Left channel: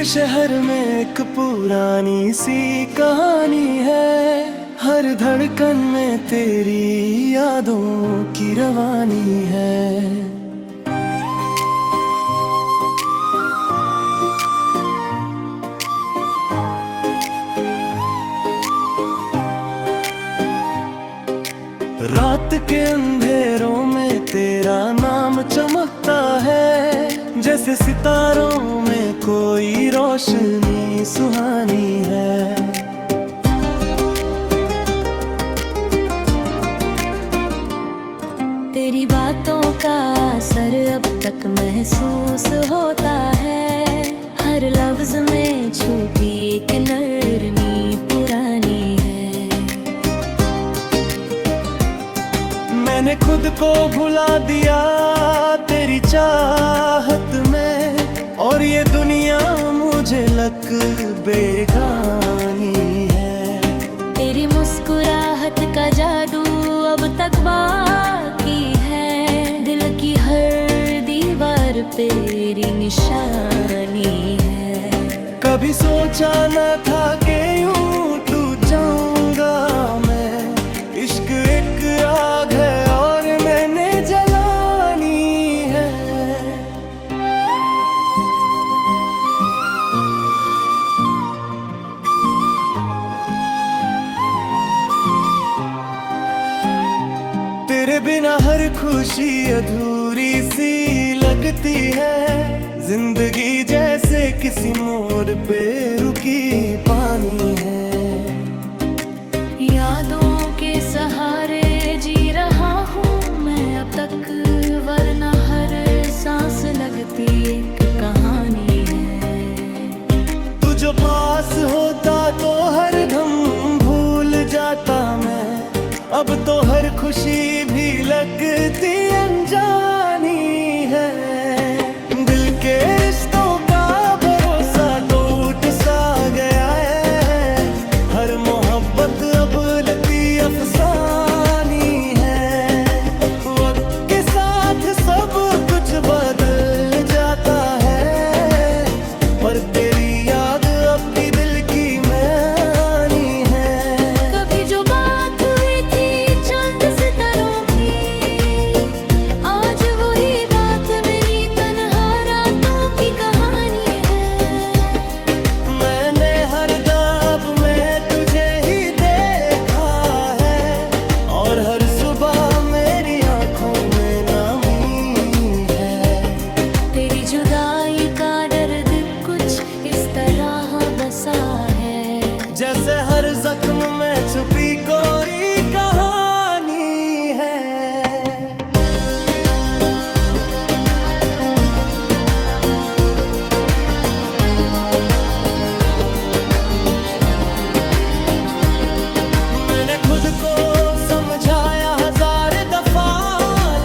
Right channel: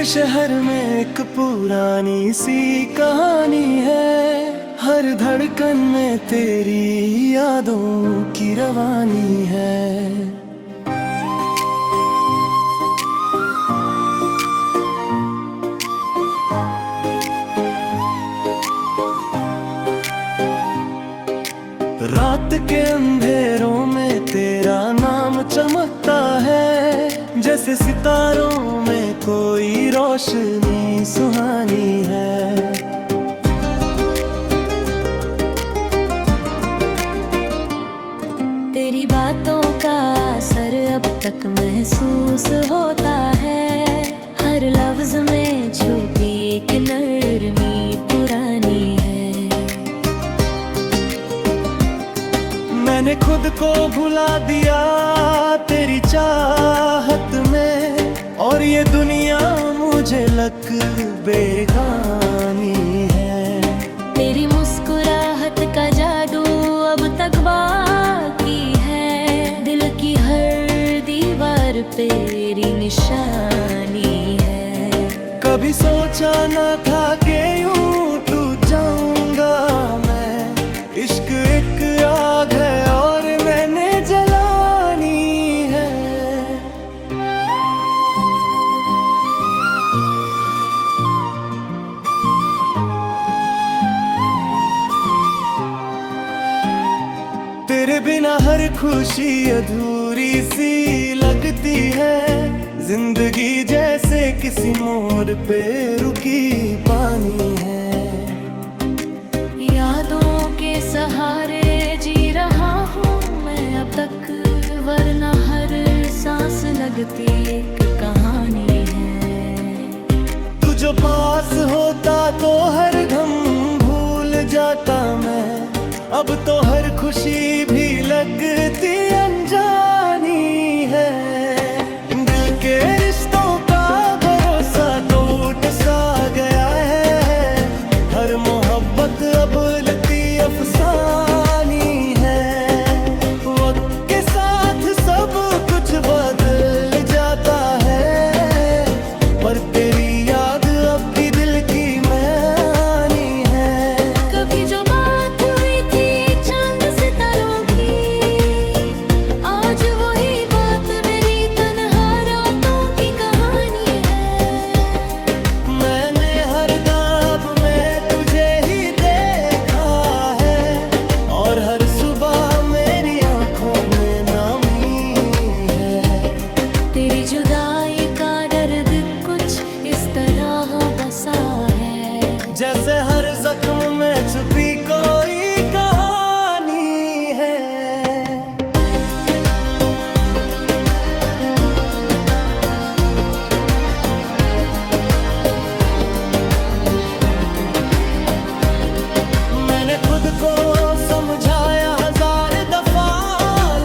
के शहर में एक पुरानी सी कहानी है, हर धड़कन में तेरी यादों की रवानी है। रात के अंधेरों में तेरा नाम चमकता है, जैसे सितारों में कोई रोशनी सुहानी है। तेरी बातों का असर अब तक महसूस होता है, हर लफ्ज में छुपी एक नरमी पुरानी है। मैंने खुद को भुला दिया तेरी चाहत में, और ये दुनिया मुझे लग बेगानी है। तेरी मुस्कुराहट का जादू अब तक बाकी है, दिल की हर दीवार पे तेरी निशानी है। कभी सोचा न था कि यूं टूट जाऊंगा मैं, इश्क एक आग है और मैंने जलानी है। तेरे बिना हर खुशी अधूरी सी लगती है, जिंदगी जैसे किसी मोड़ पे रुकी पानी है। यादों के सहारे जी रहा हूँ मैं अब तक, वरना हर सांस लगती एक कहानी है। तू जो पास होता तो हर दम भूल जाता मैं, अब तो हर खुशी भी लगती अनजानी है। दिल के रिश्तों का भरोसा टूट सा गया है, हर मोहब्बत अब लगती अफसानी है। वक्त के साथ सब कुछ बदल जाता है, पर तेरी याद अब भी दिल की मानी है। कभी जो बात हुई थी चांद सितारों की, आज वही बात मेरी तन्हा रातों की कहानी है। मैंने हर ख्वाब में तुझे ही देखा है, और हर सुबह मेरी आंखों में नामी है। तेरी जुदाई का दर्द कुछ इस तरह बसा है, जैसे हर जख्म में छुपी कोई कहानी है। मैंने खुद को समझाया हजार दफा,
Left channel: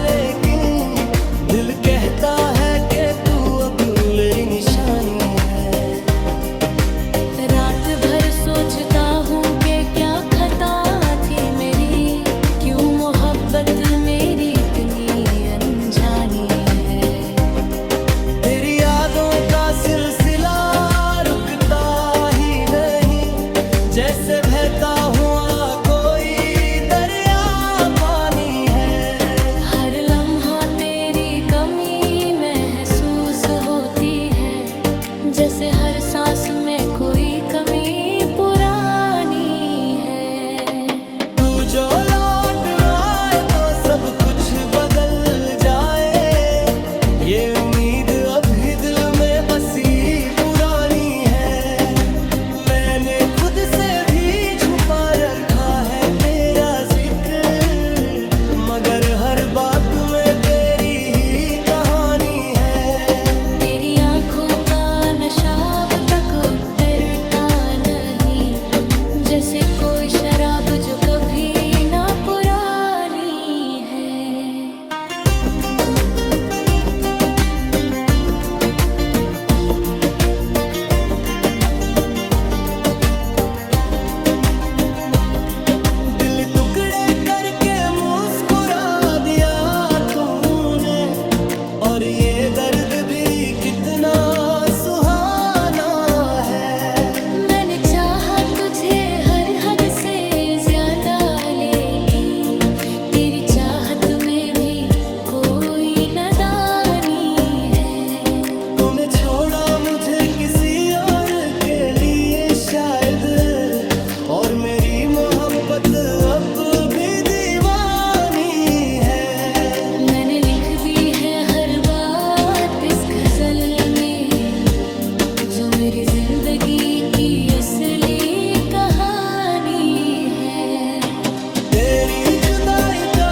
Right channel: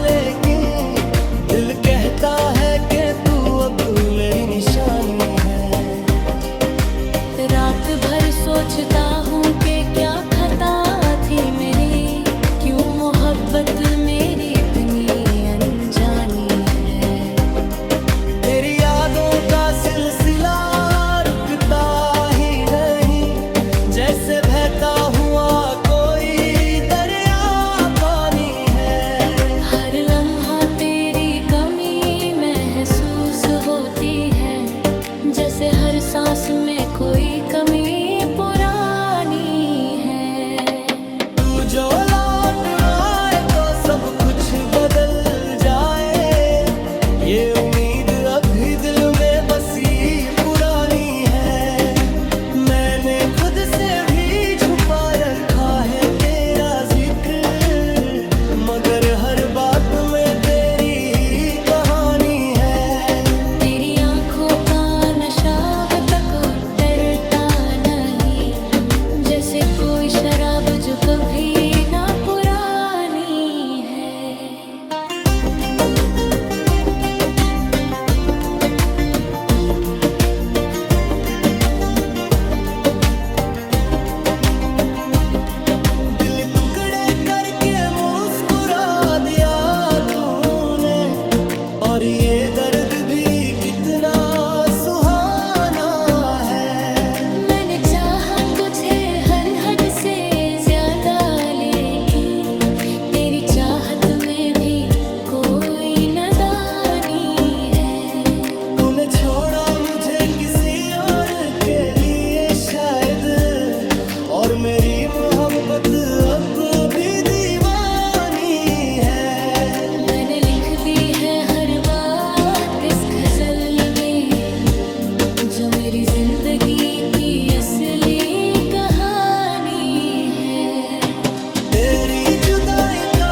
लेकिन दिल कहता है कि तू अब मेरी निशानी है। रात भर सोचता हूँ कि क्या खता थी मेरी, क्यों मोहब्बत मेरी इतनी अनजानी है। तेरी यादों का सिलसिला रुकता ही नहीं, जैसे बहता हुआ कोई दरिया पानी है। हर लम्हा तेरी कमी महसूस होती है, जैसे हर सांस में कोई कमी पुरानी है। तू जो लौट आए तो सब कुछ बदल जाए, ये उम्मीद अभी दिल में बसी पुरानी है। मैंने खुद से भी छुपा रखा है तेरा जिक्र, मगर हर बात में तेरी ही कहानी है। तेरी आंखों का नशा अब तक उतरता नहीं, जैसे कोई शराब जो कभी ना पुरानी है। दिल टुकड़े करके मुस्कुरा दिया तूने, और ये दर्द भी कितना सुहाना मैंने चाहा तुझे हर हद से ज्यादा, लेकिन तेरी चाहत में भी कोई नादानी है। तूने छोड़ा मुझे किसी और के लिए शायद, और मेरी मोहब्बत अब भी दीवानी है। मैंने लिख दी है हर बात इस गजल में, जो मेरी जिंदगी की असली कहानी है। तेरी जुदाई का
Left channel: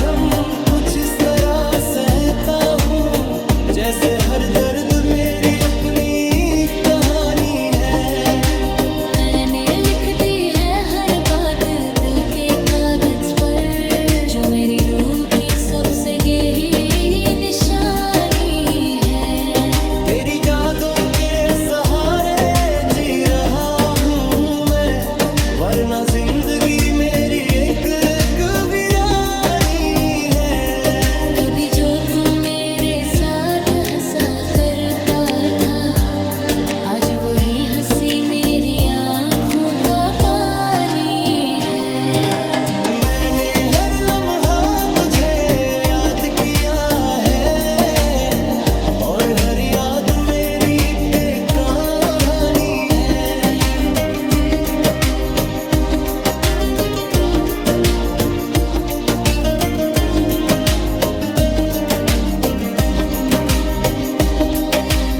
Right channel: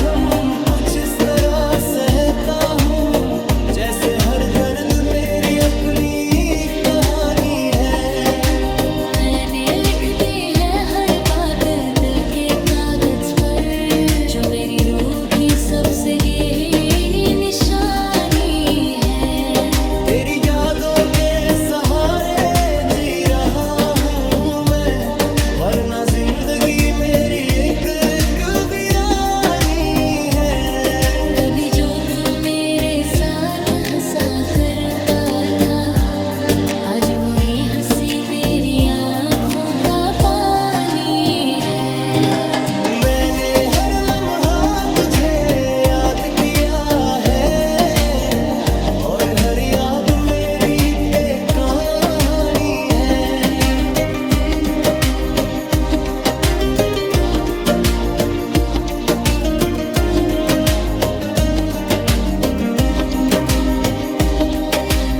गम कुछ इस तरह सहता हूँ, जैसे हर दर्द मेरी अपनी कहानी है। मैंने लिख दी है हर बात दिल के कागज पर, जो मेरी रूह की सबसे गहरी निशानी है। तेरी यादों के सहारे जी रहा हूँ मैं, वरना जिंदगी मेरी एक वीरानी है। कभी जो तू मेरे साथ हंसा करता था, आज वही हंसी मेरी आंखों का पानी है। मैंने हर लम्हा तुझे याद किया है, और हर याद मेरी एक कहानी है।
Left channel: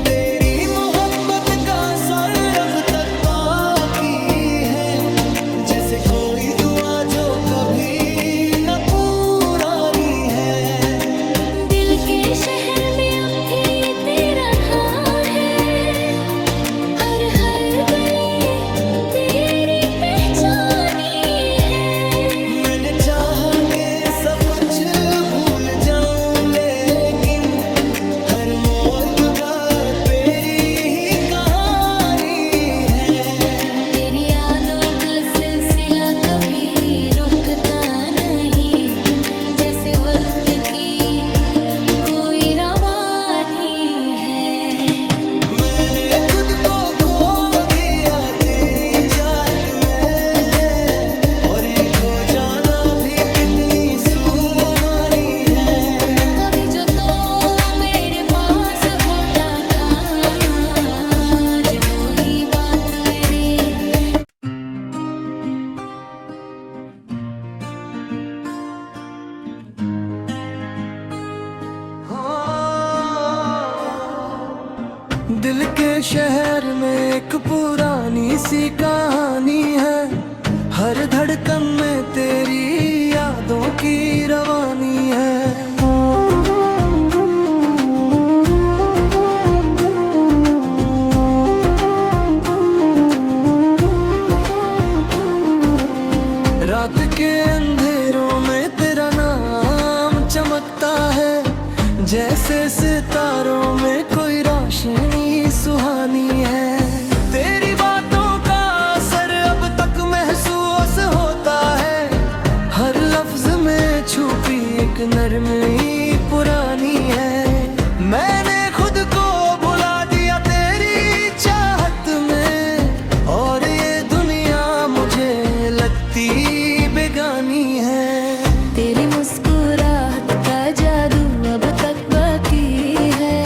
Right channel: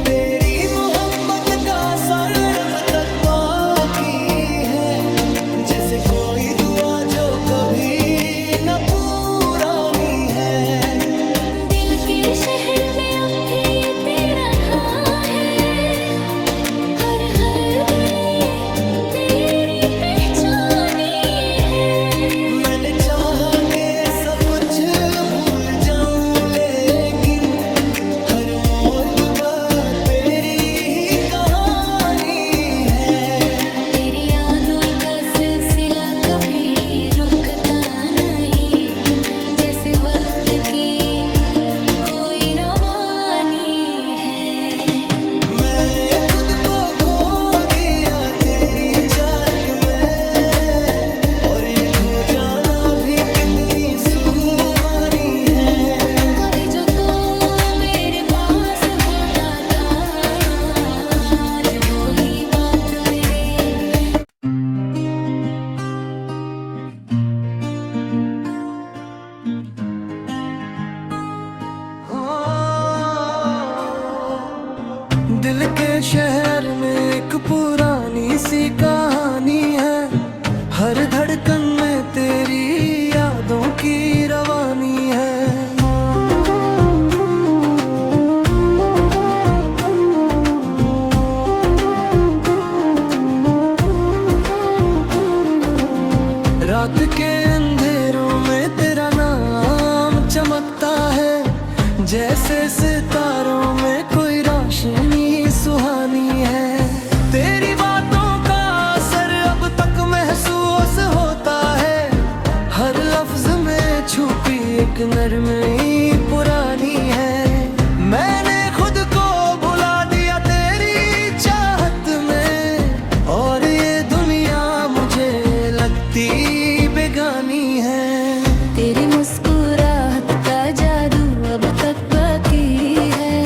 तेरी मोहब्बत का असर अब तक बाकी है, जैसे कोई दुआ जो कभी न पुरानी है। दिल के शहर में अब भी तेरा घर है, हर हर गली तेरी पहचानी है। मैंने चाहा के सब कुछ भूल जाऊं, लेकिन हर मोड़ बात तेरी ही कहानी है। तेरी यादों का सिलसिला कभी रुकता नहीं, जैसे वक्त की कोई रवानी है। मैंने खुद को खो दिया तेरी चाहत में, और ये खो जाना भी कितनी सुहानी है। कभी जो तो मेरे पास होता था, आज वो ही बात मेरे। दिल के शहर में एक पुरानी सी कहानी है, हर धड़कन में तेरी यादों की रवानी है। रात के अंधेरों में तेरा नाम चमकता है, जैसे सितारों में कोई रोशनी सुहानी है। तेरी बातों का असर अब तक महसूस होता है, हर लफ्ज में छुपी एक नरमी पुरानी है। मैंने खुद को भुला दिया तेरी चाहत में, और ये दुनिया मुझे लगती बेगानी है। तेरी मुस्कुराहट का जादू अब तक बाकी है,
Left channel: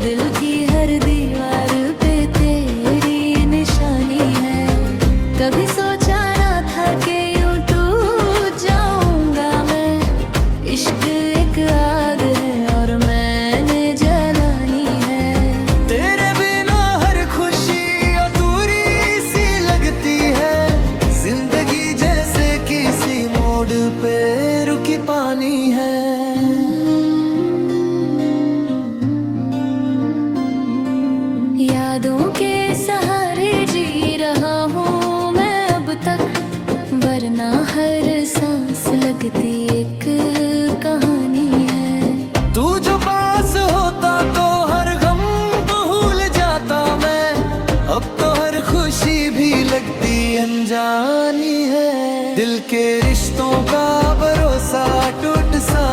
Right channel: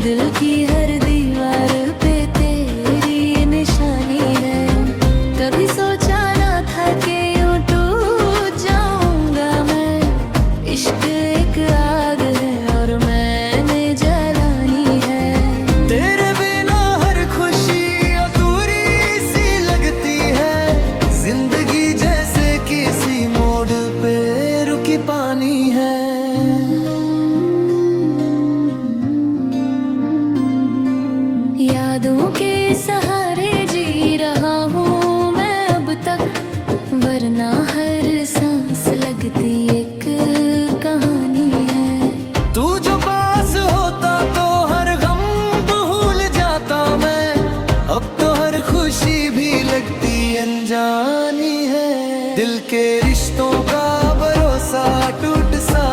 दिल की हर दीवार पे तेरी निशानी है। कभी सोचा ना था कि यूं टूट जाऊंगा मैं, इश्क एक आग है और मैंने जलानी है। तेरे बिना हर खुशी अधूरी सी लगती है, जिंदगी जैसे किसी मोड़ पे रुकी पानी है। यादों के सहारे जी रहा हूँ मैं अब तक, वरना हर सांस लगती एक कहानी है। तू जो पास होता तो हर गम भूल जाता मैं, अब तो हर खुशी भी लगती अनजानी है। दिल के रिश्तों का भरोसा टूट सा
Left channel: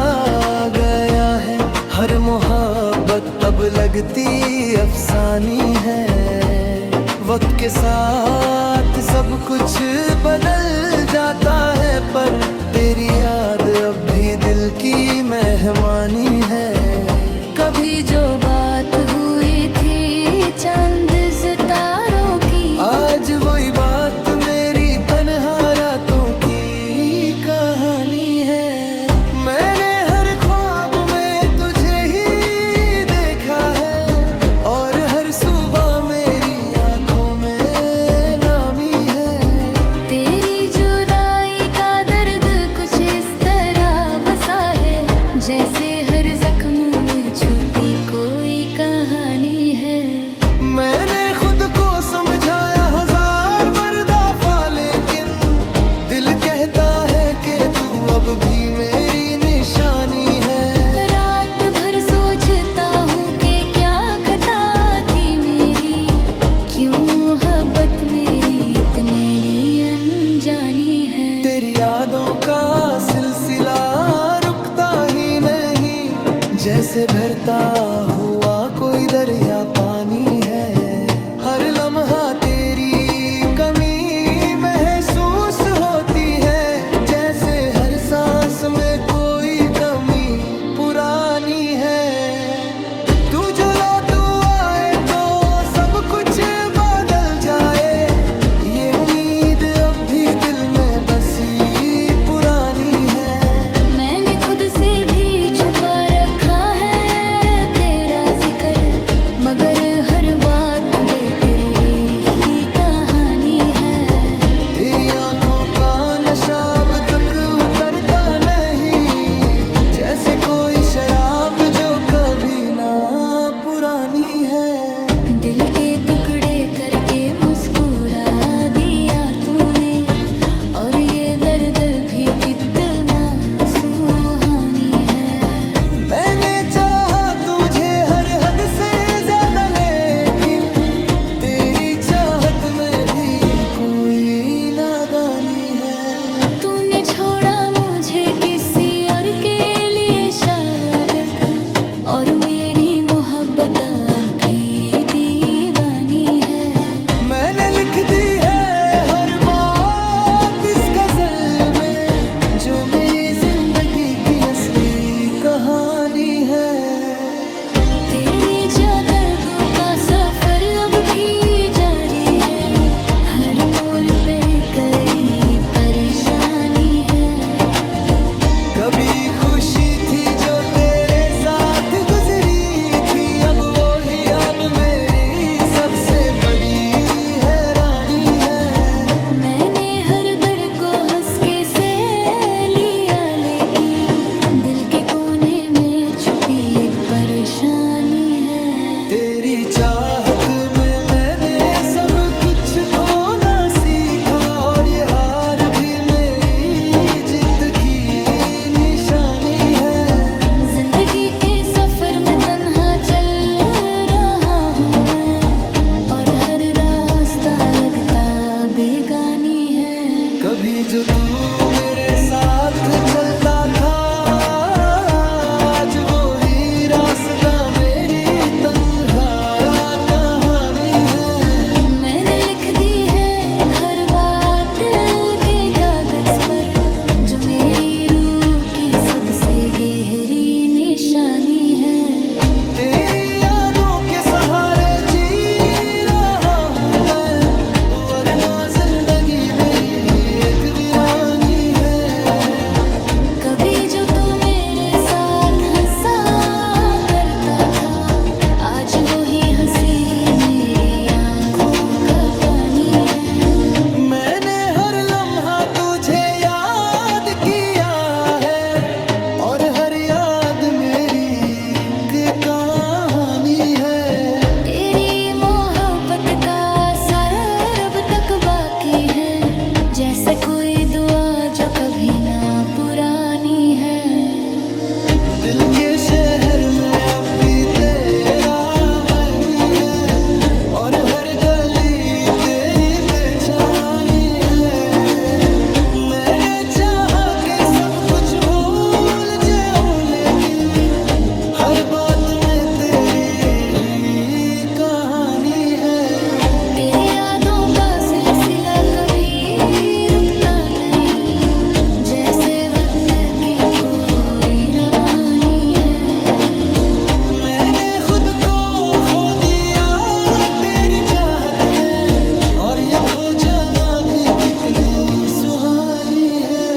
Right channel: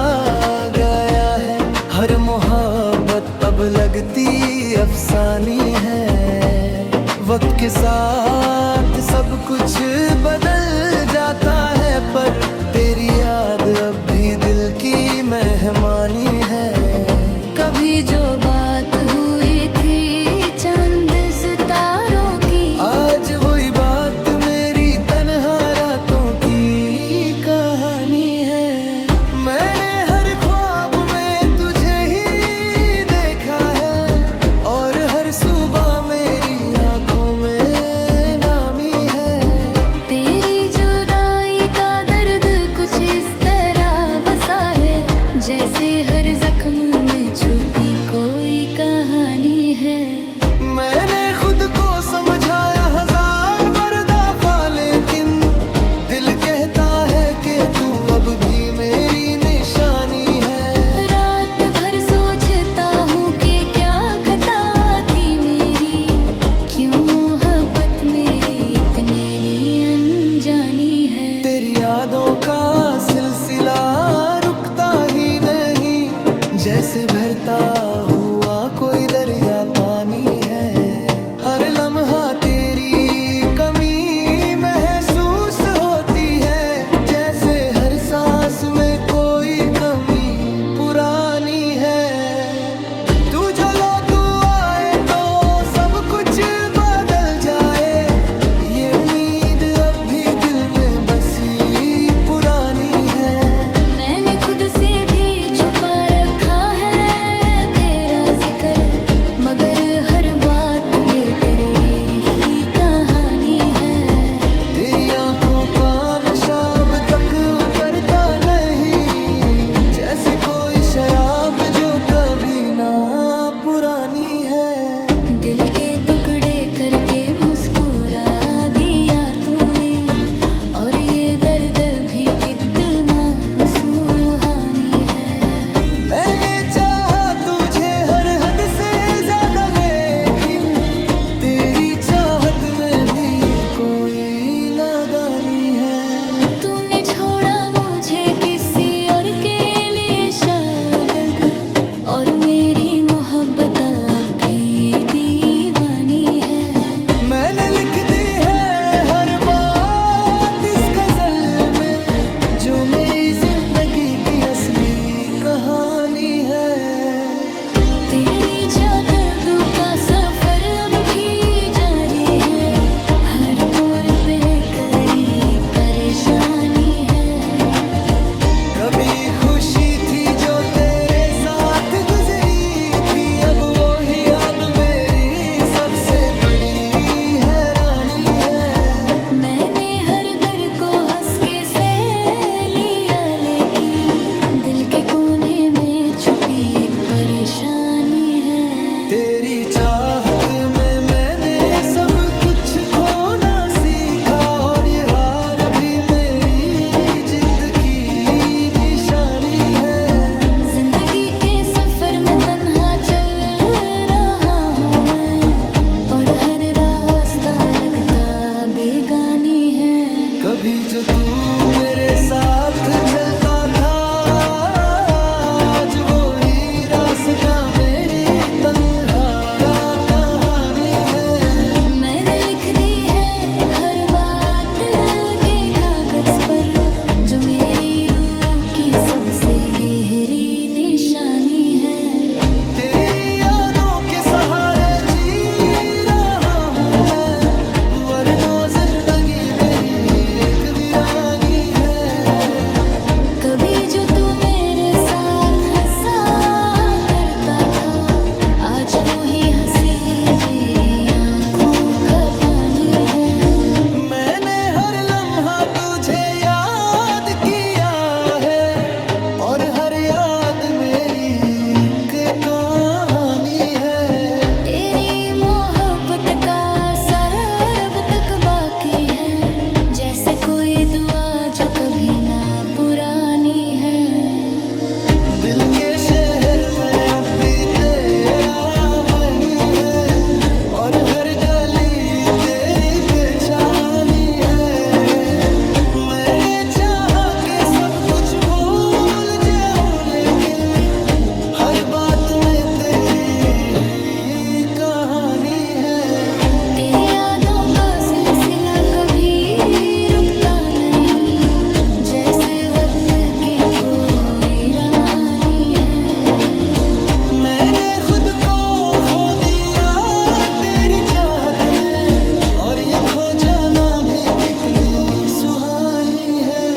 गया है, हर मोहब्बत अब लगती अफसानी है। वक्त के साथ सब कुछ बदल जाता है, पर तेरी याद अब भी दिल की मेहमानी है। कभी जो बात हुई थी चंद सितारों की, आज वही बात मेरी तन्हा रातों की कहानी है। मैंने हर ख्वाब में तुझे ही देखा है, और हर सुबह मेरी आंखों में नामी है। तेरी जुदाई का दर्द कुछ इस तरह बसा है, जैसे हर जख्म में छुपी कोई कहानी है। मैंने खुद को समझाया हजार बार दफा, लेकिन दिल कहता है कि तू अब भी मेरी निशानी है। रात भर सोचता हूँ कि क्या खता थी मेरी, क्यों मोहब्बत मेरी इतनी अनजानी है। तेरी यादों का सिलसिला रुकता ही नहीं, जैसे बहता हुआ कोई दरिया पानी है। हर लम्हा तेरी कमी महसूस होती है, जैसे हर सांस में कोई कमी पुरानी है। तू जो तू आए तो सब कुछ बदल जाए, ये उम्मीद अब भी दिल में बसी पुरानी है। मैंने खुद से भी छुपा रखा है तेरा जिक्र, मगर हर बात में तेरी ही कहानी है। तेरी आंखों का नशा अब तक उतरता नहीं, जैसे कोई शराब जो कभी ना पुरानी है। दिल के टुकड़े करके मुस्कुरा दिया तूने, और ये दर्द भी कितना सुहानी है। मैंने चाहा तुझे हर हद से ज्यादा, लेकिन तेरी चाहत में भी कोई नादानी है। तूने छोड़ा मुझे किसी और के लिए शायद, और मेरी मोहब्बत अब भी दीवानी है। मैंने लिख दी है हर बात इस गजल में, जो मेरी जिंदगी की असली कहानी है। तेरी दर्दों का सफर अब भी जारी है, हर मोड़ पे करी परेशानी है। कभी खुशी थी जो तेरे साथ गुजरी थी, अब वो ही अब मेरी सबसे बड़ी हैरानी है। मैंने हर दर्द को हंस के सह लिया, लेकिन दिल के कोने में छुपी एक परेशानी है। तेरी चाहत में मैंने सब कुछ खोना सीखा, और ये हार भी मेरी जीत की निशानी है। जिंदगी के सफर में तन्हा चल रहा हूँ मैं, और हर रास्ता लगता बेगानी है। कभी जो तू मेरे साथ चलता था, आज वो ही रास्ता मेरी तन्हारा कहानी है। मैंने लिख दी है हर बात दिल के कागज पर, जो मेरी रूह की सबसे गहरी निशानी है। तेरी यादों के सहारे जी रहा हूँ मैं, वरना जिंदगी मेरी एक वीरानी है। कभी जो तू मेरे साथ हंसा करता था, आज वो ही हंसी मेरी आंखों का पानी है। मैंने हर लम्हा तुझे याद किया है, और हर याद मेरी एक कहानी है। तेरी मोहब्बत का असर अब तक बाकी है, जैसे कोई दुआ जो कभी ना पुरानी है। दिल के शहर में अब भी तेरा वही है, और हर गली तेरी पहचानी है। मैंने चाहा कि सब कुछ भूल जाऊं, लेकिन हर बात में तेरी ही कहानी है। तेरी काफिला कभी रुकता नहीं, जैसे वक्त की कोई रवानी है। मैंने खुद को खो दिया तेरी चाहत में, और ये खो जाना भी कितनी सुहानी है।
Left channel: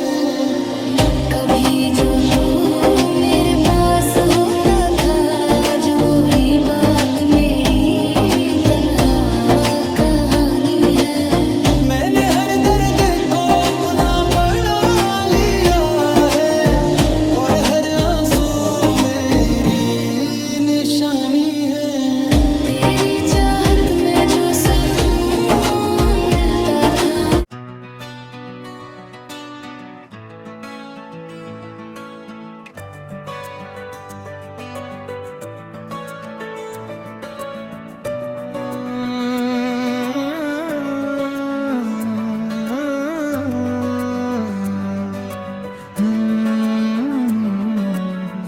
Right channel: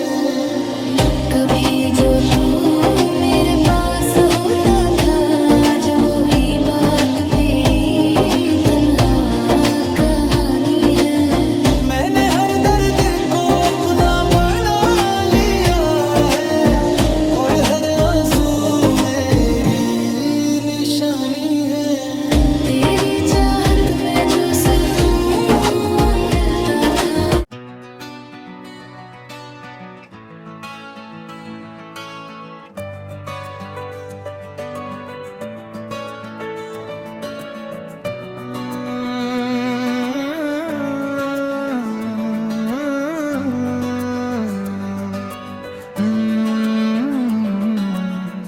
कभी जो तू मेरे पास होता था, आज वही बात मेरी तन्हा कहानी है। मैंने हर दर्द को अपना बना लिया है, और हर आंसू मेरी निशानी है। तेरी चाहत में जो सुकून मिलता था,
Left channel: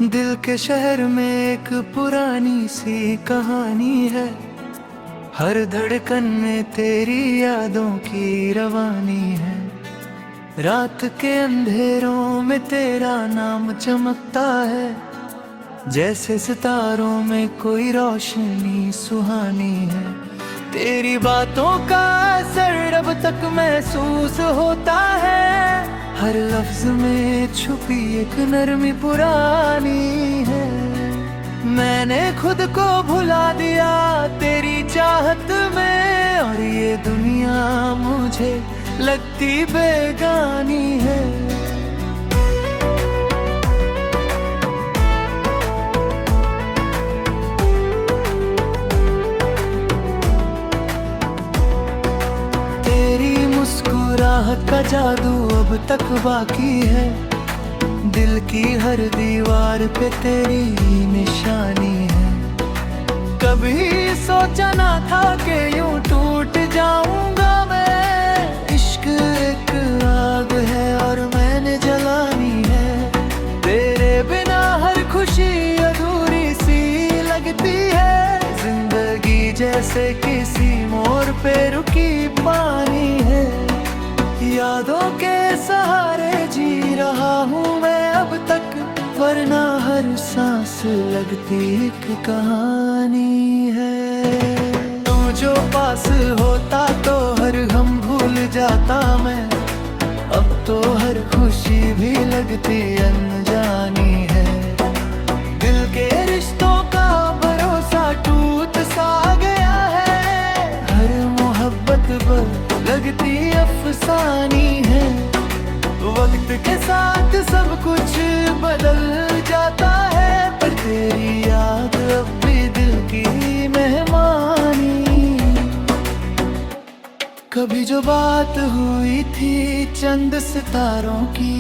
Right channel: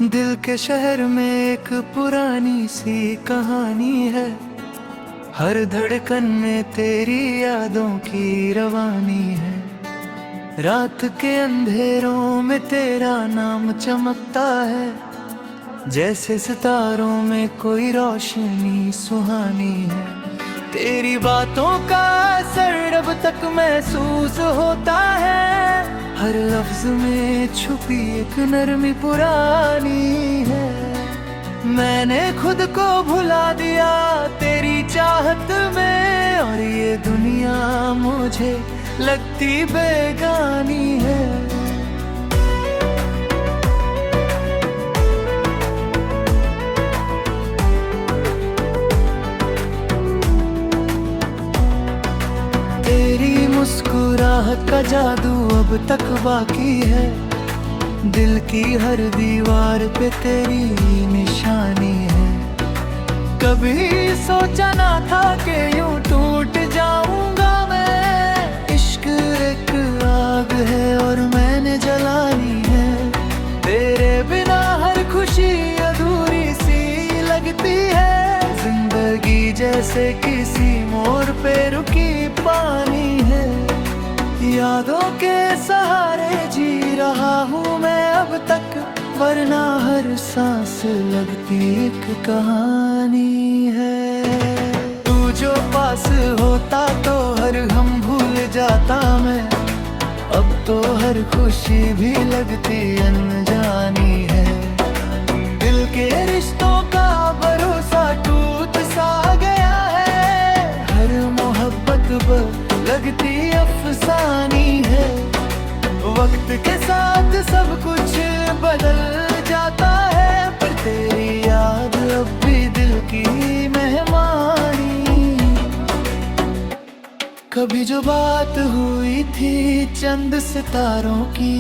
दिल के शहर में एक पुरानी सी कहानी है, हर धड़कन में तेरी यादों की रवानी है। रात के अंधेरों में तेरा नाम चमकता है, जैसे सितारों में कोई रोशनी सुहानी है। तेरी बातों का असर अब तक महसूस होता है, हर लफ्ज में छुपी एक नरमी पुरानी है। मैंने खुद को भुला दिया तेरी चाहत में, और ये दुनिया मुझे लगती बेगानी है। तेरी मुस्कुराहट का जादू अब तक बाकी है, दिल की हर दीवार पे तेरी निशानी है। कभी सोचा ना था कि यूं टूट जाऊंगा मैं, इश्क एक आग है और मैंने जलानी है। तेरे बिना हर खुशी अधूरी सी लगती है, जिंदगी जैसे किसी मोड़ पे रुकी पानी है। यादों के सहारे जी रहा हूँ मैं अब तक, वरना हर सांस लगती एक कहानी है। तू जो पास होता तो हर हम भूल जाता मैं, अब तो हर खुशी भी लगती अनजानी है। दिल के रिश्तों का भरोसा टूट सा गया है, हर मोहब्बत लगती अफसानी है। वक्त के साथ सब कुछ बदल जाता है, पर तेरी याद अब भी दिल की मेहमानी। कभी जो बात हुई थी चंद सितारों की,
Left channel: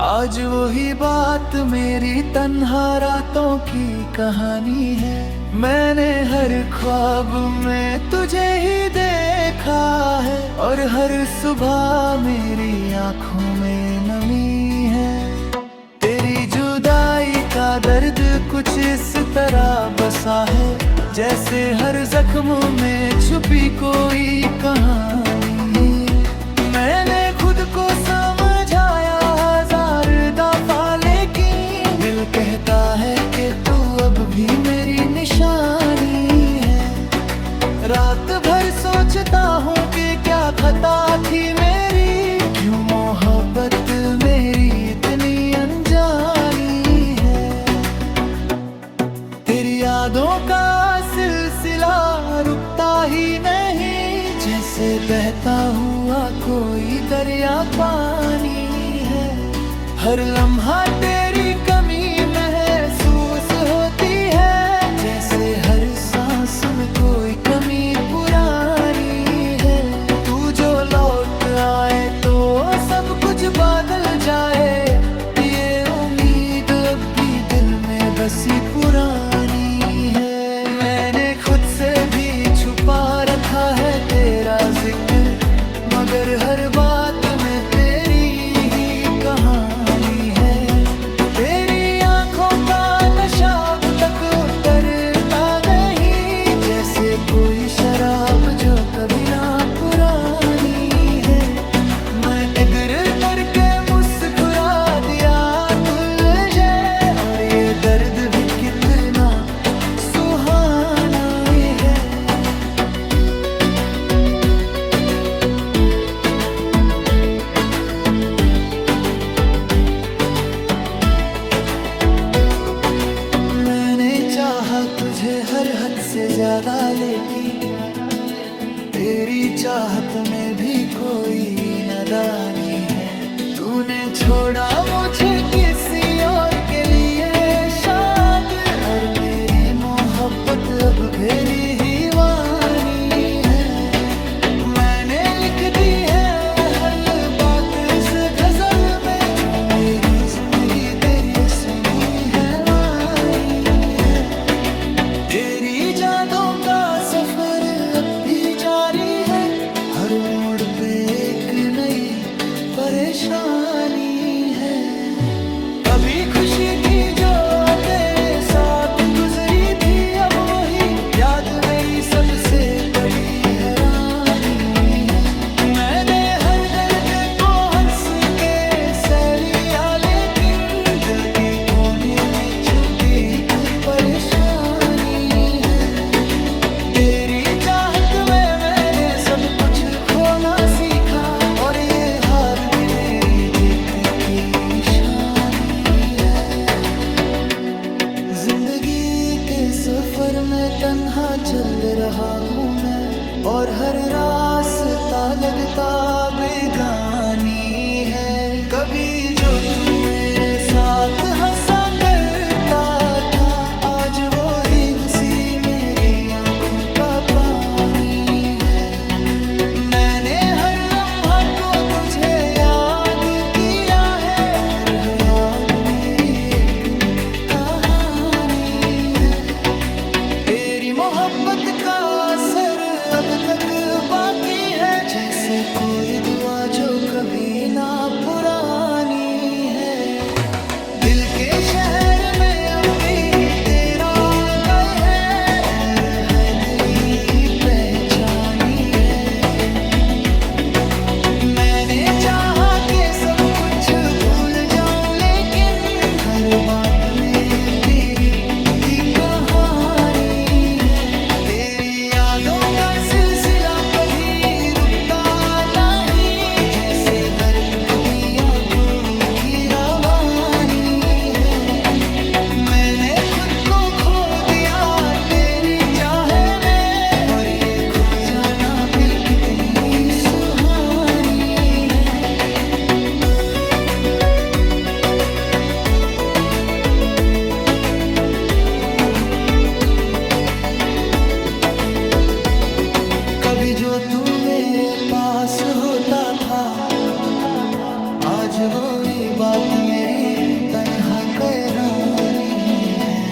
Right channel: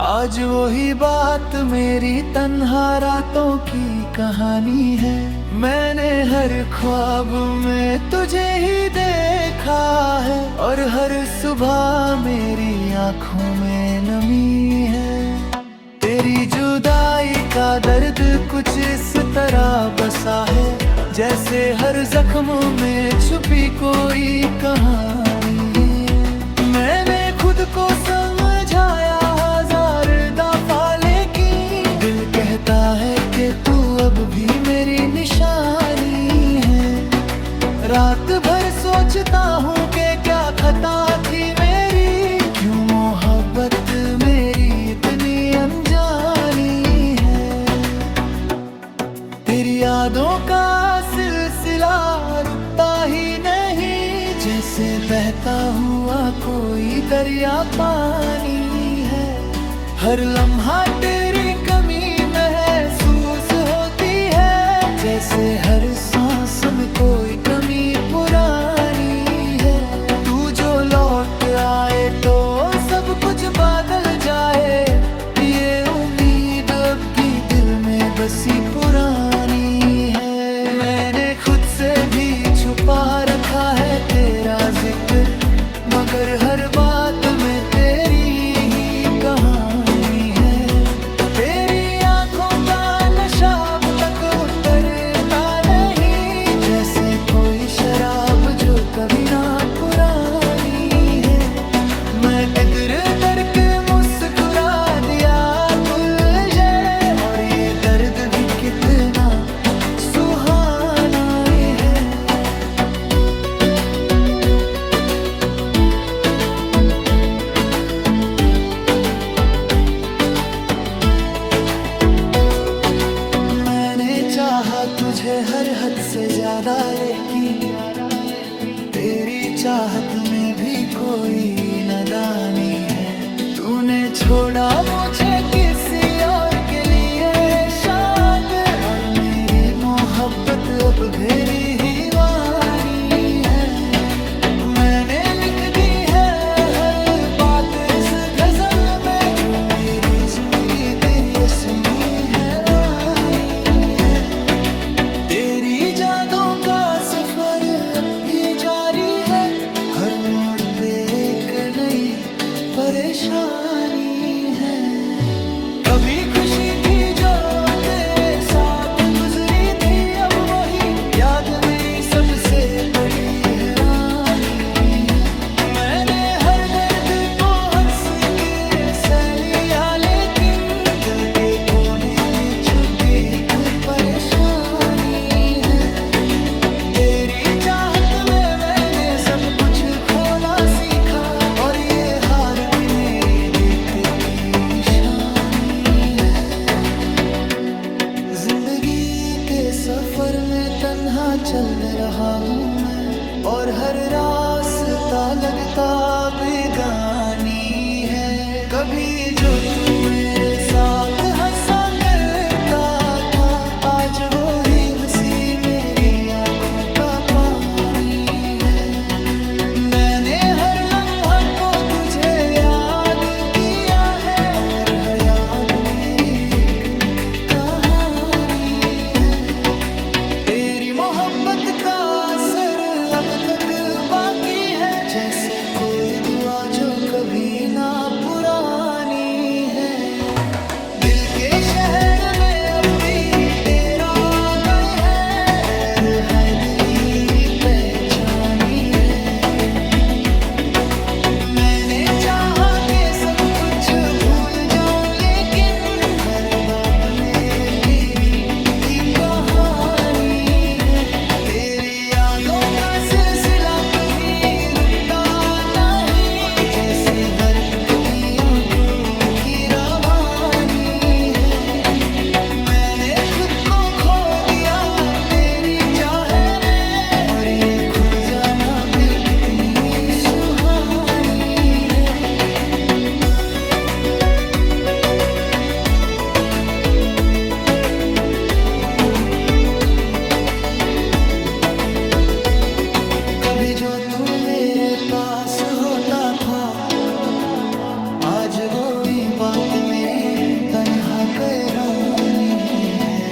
आज वही बात मेरी तन्हा रातों की कहानी है। मैंने हर ख्वाब में तुझे ही देखा है, और हर सुबह मेरी आंखों में नमी है। तेरी जुदाई का दर्द कुछ इस तरह बसा है, जैसे हर जख्म में छुपी कोई कहानी है। मैंने खुद को समझाया हजार दफा, लेकिन दिल कहता है कि तू अब भी मेरी निशानी है। रात भर सोचता हूँ कि क्या खता थी मेरी, क्यों मोहब्बत मेरी इतनी अनजानी है। तेरी यादों का सिलसिला रुकता ही नहीं, जैसे बहता हुआ कोई दरिया पानी है। हर लम्हा तेरी कमी महसूस होती है, जैसे हर सांस में कोई कमी पुरानी है। तू जो लौट आए तो सब कुछ बदल जाए, ये उम्मीद अब भी दिल में बसी पुरानी है। मैंने खुद से भी छुपा रखा है तेरा जिक्र, मगर हर बात में तेरी ही कहानी है। तेरी आंखों का नशा अब तक उतरता नहीं, जैसे कोई शराब जो कभी ना पुरानी है। मैं इधर उधर के मुस्कुरा दिया तुझे, और ये दर्द भी कितना सुहाना है। मैंने चाहा तुझे हर हद से ज्यादा, लेकिन तेरी चाहत में भी कोई नादानी है। तूने छोड़ा मुझे किसी और के लिए शाद, और मेरी मोहब्बत अब भेरी ही वानी है। मैंने लिख दी है हर बात इस गजल में, जो मेरी जिंदगी तेरी असली हैवानी है। तेरी यादों का सफर अब भी जारी है, हर मोड़ पे एक नई परेशानी है। कभी खुशी थी जो तेरे साथ गुजरी थी, अब वही याद मेरी सबसे बड़ी हैरानी है। मैंने हर दर्द को हंस के सह लिया, लेकिन दिल के कोने में छुपी एक परेशानी है। तेरी चाहत में मैंने सब कुछ खोना सीखा, और ये हार भी मेरी जीत की निशानी है। जिंदगी के सफर में तन्हा चल रहा हूँ मैं, और हर रास्ता लगता बेगानी है। कभी जो तू मेरे साथ हंसा करता था, आज वो ही हंसी मेरी आंखों का पानी है। मैंने हर लम्हा को तुझे याद किया है, और हर याद मेरी एक कहानी है। तेरी मोहब्बत का असर अब तक बाकी है, जैसे कोई दुआ जो कभी ना पुरानी है। दिल के शहर में अब भी तेरा गए है, और हर दिल ही पहचानी है। मैंने चाहा कि सब कुछ भूल जाऊं, लेकिन हर बात में तेरी ही कहानी है। तेरी यादों का सिलसिला कभी रुकता नहीं, जैसे वक्त दी आंखों की रवानी है। मैंने खुद को खो दिया तेरी चाहे में, और ये खो जाना भी कितनी सुहानी है। कभी जो तू मेरे पास होता था, आज वही बात मेरी तन्हा कैरानी है।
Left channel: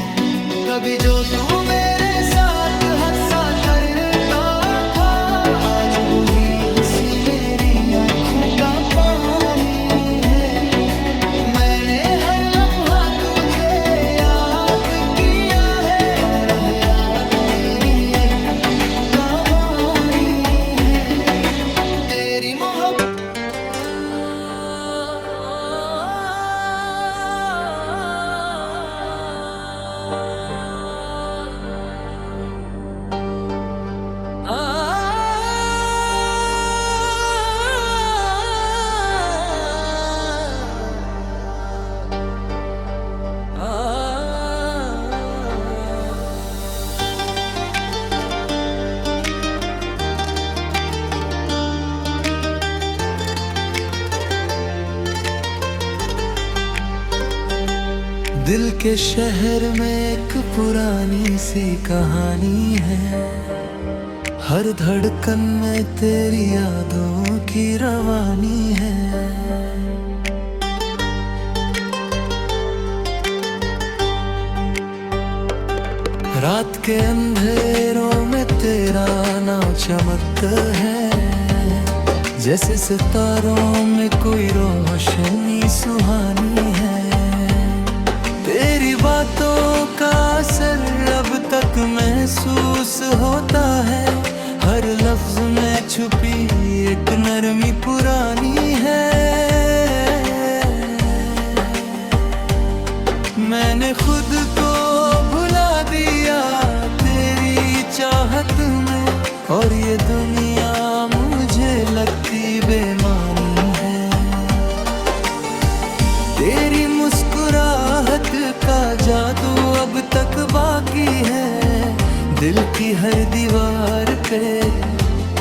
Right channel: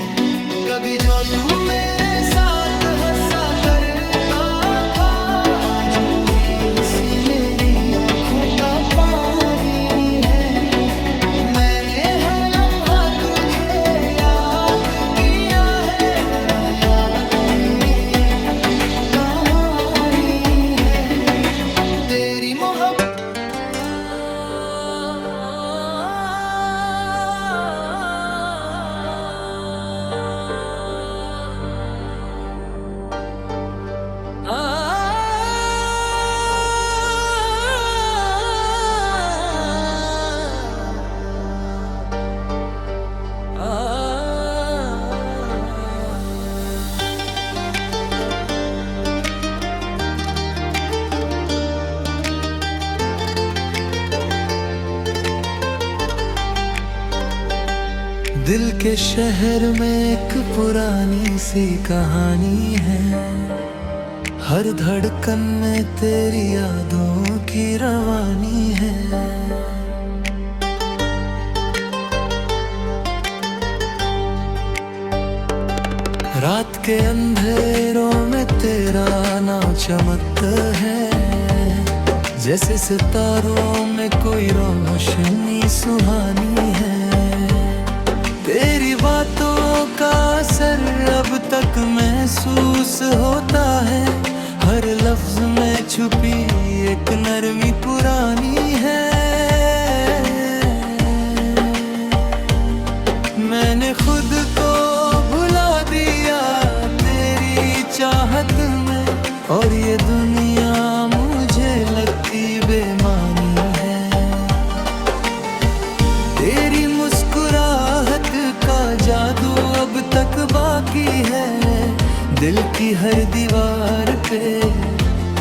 कभी जो तू मेरे साथ हंसा करता था, आज वही हंसी मेरी आंखों का पानी है। मैंने हर लम्हा तुझे याद किया है, और याद मेरी एक कहानी है। तेरी मोहब्बत दिल के शहर में एक पुरानी सी कहानी है। हर धड़कन में तेरी यादों की रवानी है। रात के अंधेरों में तेरा नाम चमकता है, जैसे सितारों में कोई रोशनी सुहानी है। तेरी बातों का असर अब तक महसूस होता है, हर लफ्ज में छुपी एक नरमी पुरानी है। मैंने खुद को भुला दिया तेरी चाहत में, और ये दुनिया मुझे लगती बेमानी है। तेरी मुस्कुराहट का जादू अब तक बाकी है, दिल की हर दीवार पे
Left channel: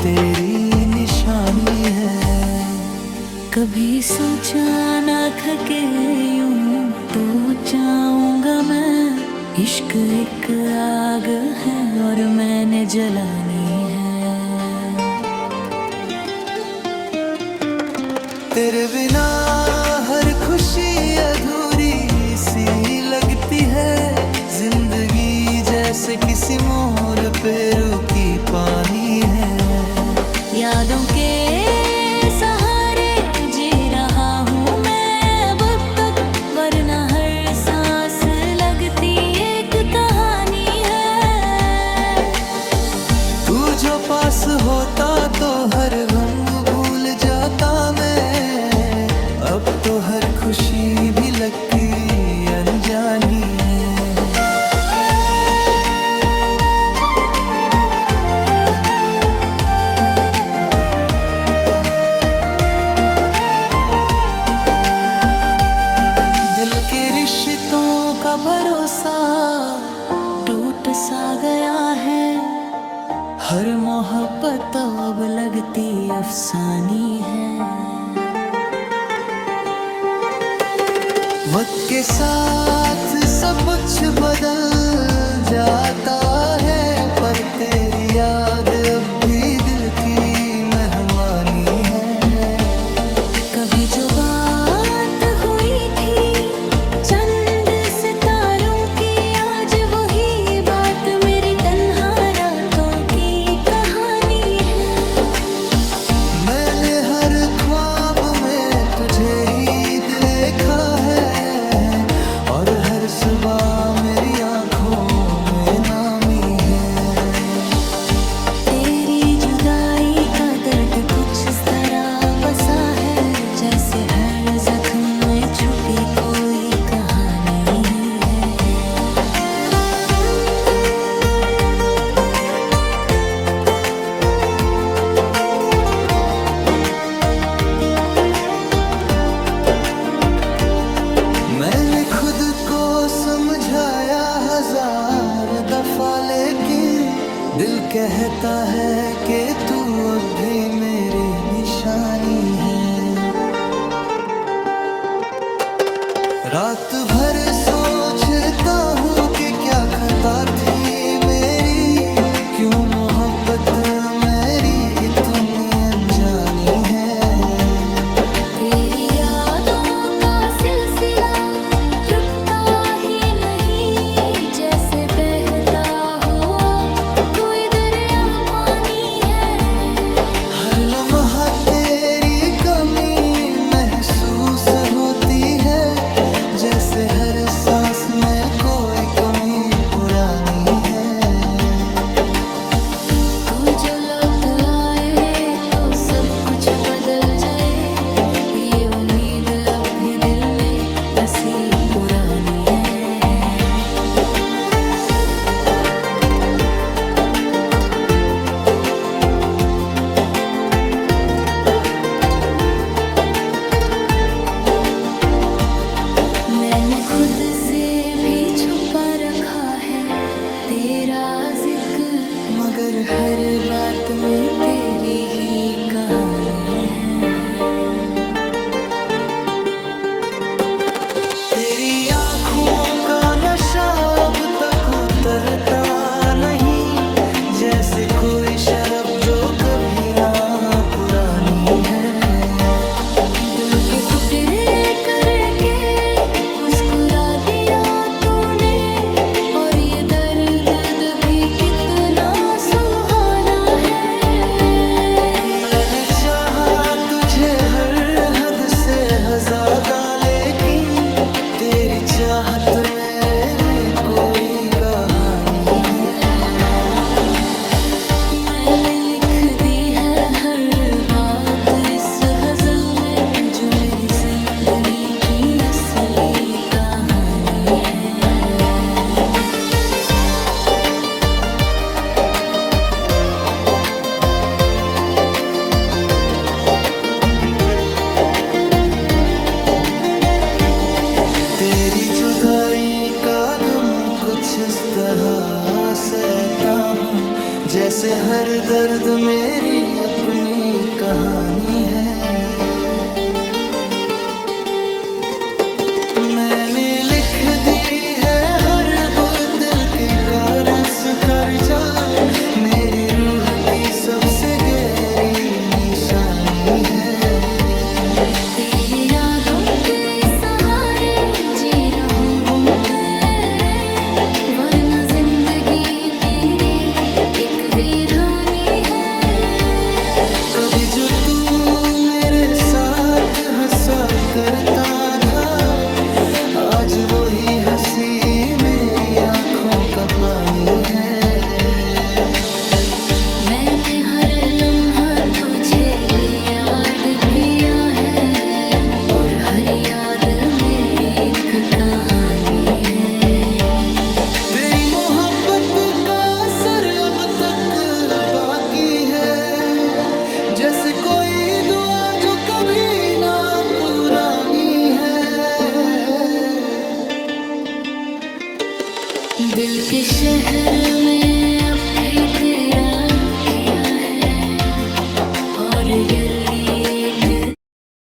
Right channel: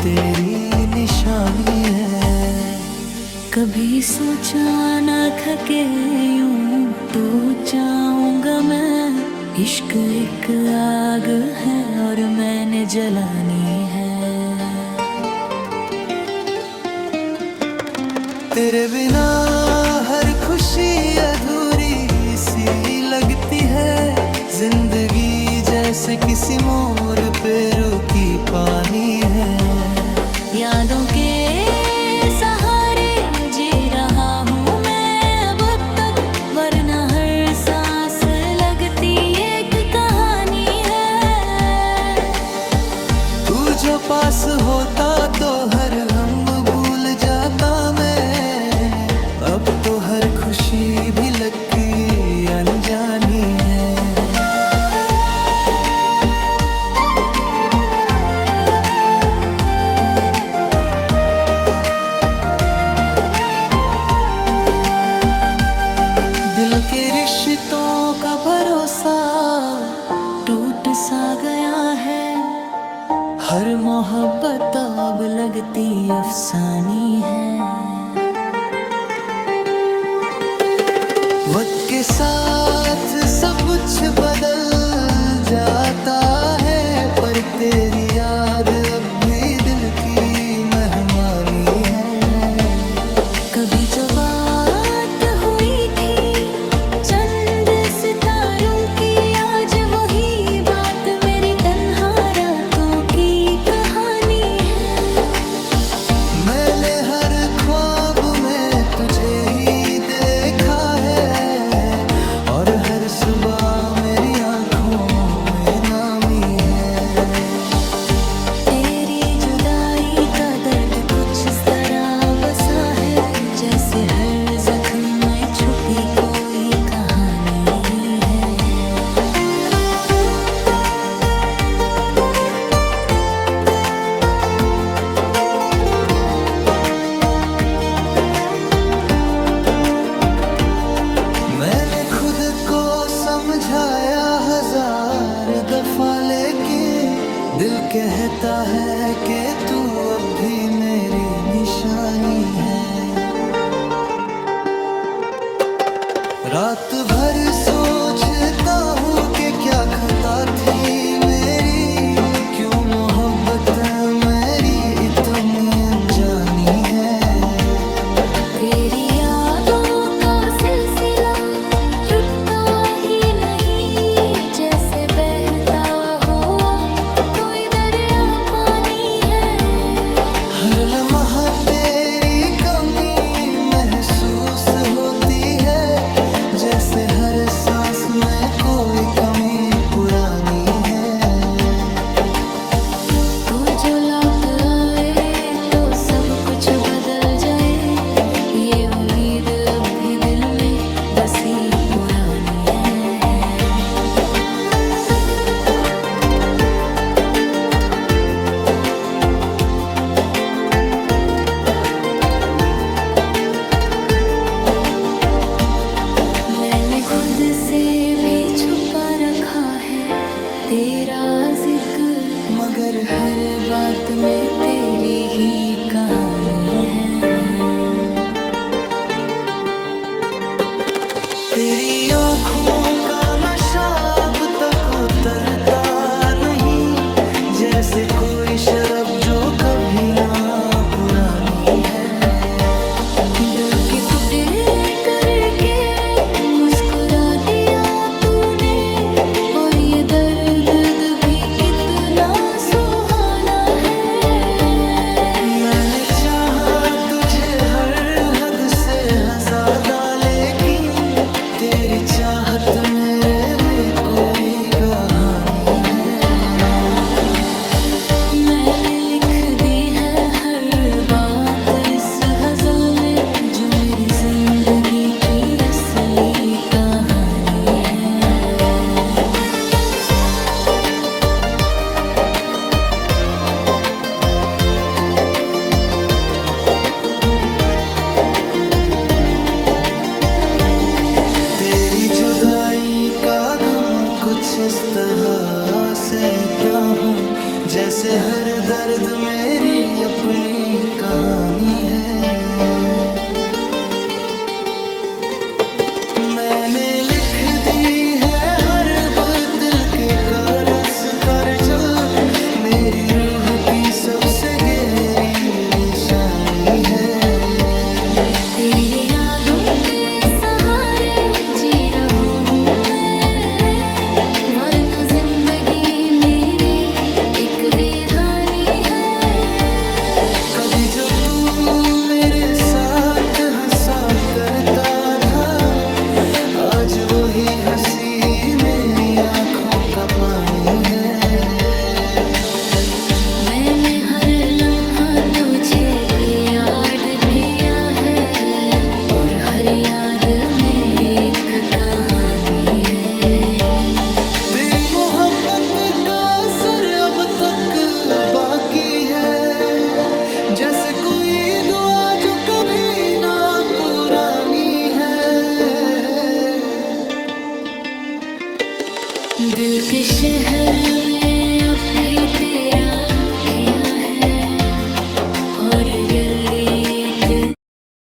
तेरी निशानी है। कभी सोचा ना था कि यूं तो जाऊंगा मैं, इश्क एक आग है और मैंने जलानी है। तेरे बिना हर खुशी अधूरी सी लगती है, जिंदगी जैसे किसी मोड़ पे रुकी पानी है। यादों के सहारे जी रहा हूँ मैं अब तक, वरना हर सांस लगती एक कहानी है। तू जो पास होता तो हर गम भूल जाता मैं, अब तो हर खुशी भी लगती अनजानी है। दिल के रिश्तों का भरोसा टूट सा गया है, हर मोहब्बत अब लगती अफसानी है। वक्त के साथ सब कुछ बदल जाता है, पर तेरी याद अब भी दिल की मेहमानी है। कभी जो बात हुई थी चंद सितारों की, आज वही बात मेरी तन्हा रातों की कहानी है। मैंने हर ख्वाब में तुझे ही देखा है, और हर सुबह मेरी आंखों में नामी है। तेरी जुदाई का दर्द कुछ इस तरह बसा है, जैसे हर जख्म में छुपी कोई कहानी है। मैंने खुद को समझाया हजार दफा, लेकिन दिल कहता है कि तू अब भी मेरी निशानी है। रात भर सोचता हूँ कि क्या खता थी मेरी, क्यों मोहब्बत मेरी इतनी अनजानी है। तेरी यादों का सिलसिला रुकता ही नहीं, जैसे बहता हुआ कोई दरिया पानी है। हर लम्हा तेरी कमी महसूस होती है, जैसे हर सांस में कोई कमी पुरानी है। तू जो लौट आए तो सब कुछ बदल जाए, ये उम्मीद अब भी दिल में बसी पुरानी है। मैंने खुद से भी छुपा रखा है तेरा जिक्र, मगर हर बात में तेरी ही कहानी है। तेरी आंखों का नशा अब तक उतरता नहीं, जैसे कोई शराब जो कभी ना पुरानी है। दिल के टुकड़े करके मुस्कुरा दिया तूने, और ये दर्द भी कितना सुहाना है। मैंने चाहा तुझे हर हद से ज्यादा, लेकिन तेरी चाहत मेरे में कोई कहानी है। मैंने लिख दी है हर बात इस गजल में, जो मेरी जिंदगी की असली कहानी है। तेरी जुदाई का गम कुछ इस तरह सहता हूँ, जैसे हर दर्द मेरी अपनी कहानी है। मैंने लिख दी है हर दिल के कर्ज कर जल, मेरी रूह की सबसे गहरी निशानी है। तेरी यादों के सहारे जी रहा हूँ मैं, वरना जिंदगी मेरी एक वीरानी है। कभी जो तू मेरे साथ हंसा करता था, आज वही हंसी मेरी आंखों का पानी है। मैंने हर लम्हा तुझे याद किया है, और हर याद मेरी एक कहानी है। तेरी मोहब्बत का असर अब तक बाकी है, जैसे कोई दुआ जो कभी ना पुरानी है। दिल के शहर में अब भी तेरा किया है, और यही